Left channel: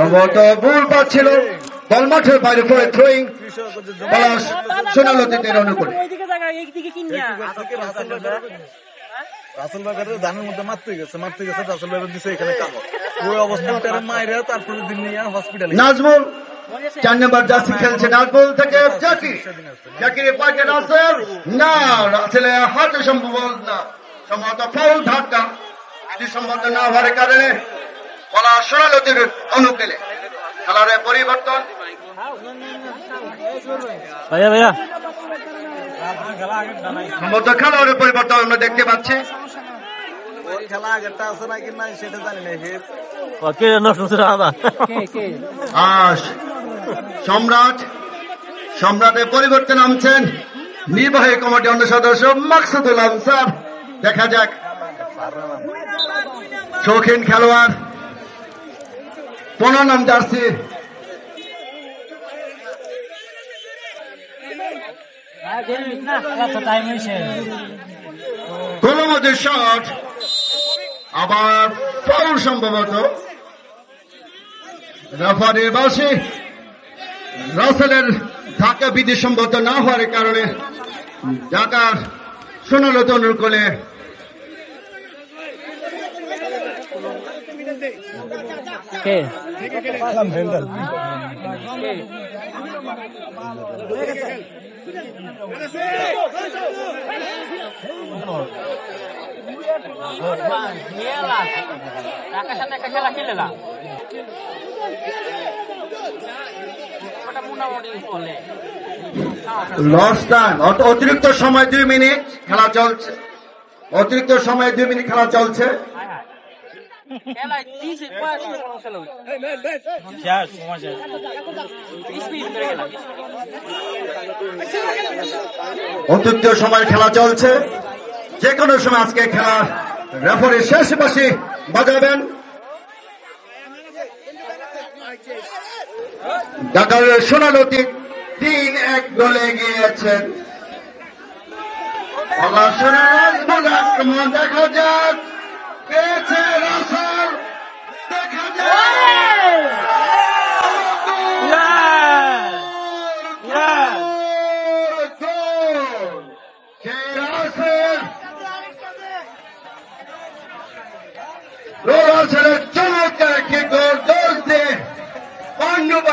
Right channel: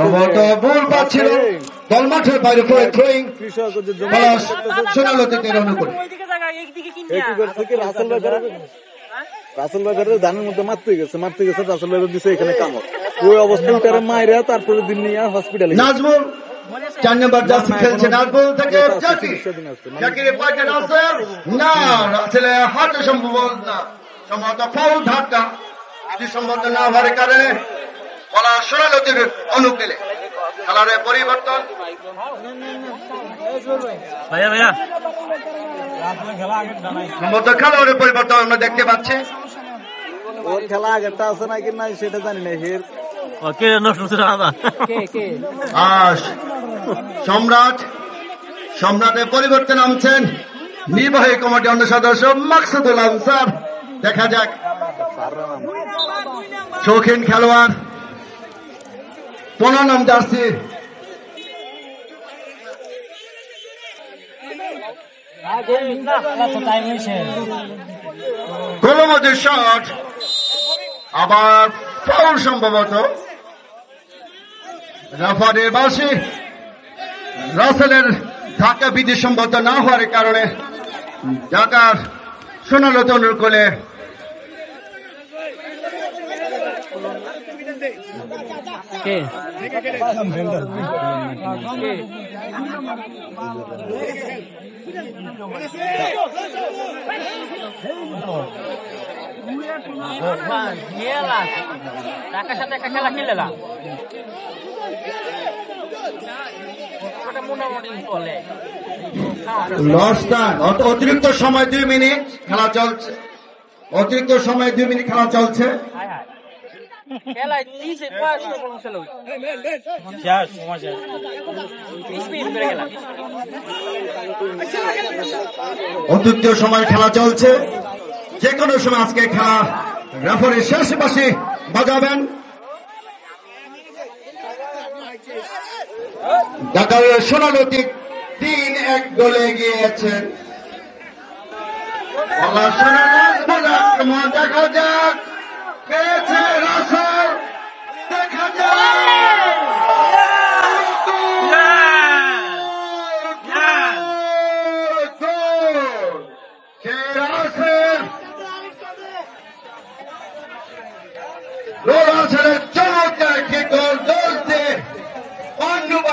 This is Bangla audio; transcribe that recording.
সম্ভবত বল পাচ্ছিল, বল মাঠের বাইরে করে থ্রোয়িং, পলাশ সোনালতিদের অনুকূলে। রাসেল ভাই ধানের মধ্যে মারতে গেছে রাসেল ভাই দিছে এখানে কামড়, ওই অবস্থায় উঠারে মাইরা তারপরে দিন নিয়ে হসপিটালে। নাজমুল 4 নম্বর জার্সি খেলছে, নাজমুল থেকে জাকিরের পাকে নাসের, না রাসেলের হাতে সম্ভবত ফাউল ধাক্কা, এটি সম্ভবত না হওয়ার কারণে পলাশ সোনালতির অনুকূলে খেলার পরিবর্তন। সম্ভবত খেলোয়াড়ের পরিবর্তন আমরা দেখতে পাচ্ছি। খেলা আগেরটা আছে নাকি নাই সেটা জানি না। সম্রাটের পরিবর্তন নামছেন নির্বাহী কমিটি অন্য সদস্য মাকসুদুল আনসার। দেখা যাক, শৌখিন খেলোয়াড় 15 নম্বর জার্সি গোলমজুর শট, আবার ফাউল সম্ভবত। রেফারি বাসি রাসেলের ধাক্কা বিধি সম্ভবত না হওয়ার কারণে ঢাকার সোনালতি অনুকূলে অতিরিক্ত সময় 2 মিনিট খেলা চলছে, অতিরিক্ত সময় 2 মিনিট খেলা চলছে। অতিরিক্ত সময় খেলা চলছে, যে কোনো সময় আজকে খেলা রেফারি শেষ বাঁশি বাজাবেন। ঢাকা সোনালতি 3-1 গোলে গিয়েছেন। দেখা যাক পেয়েছেন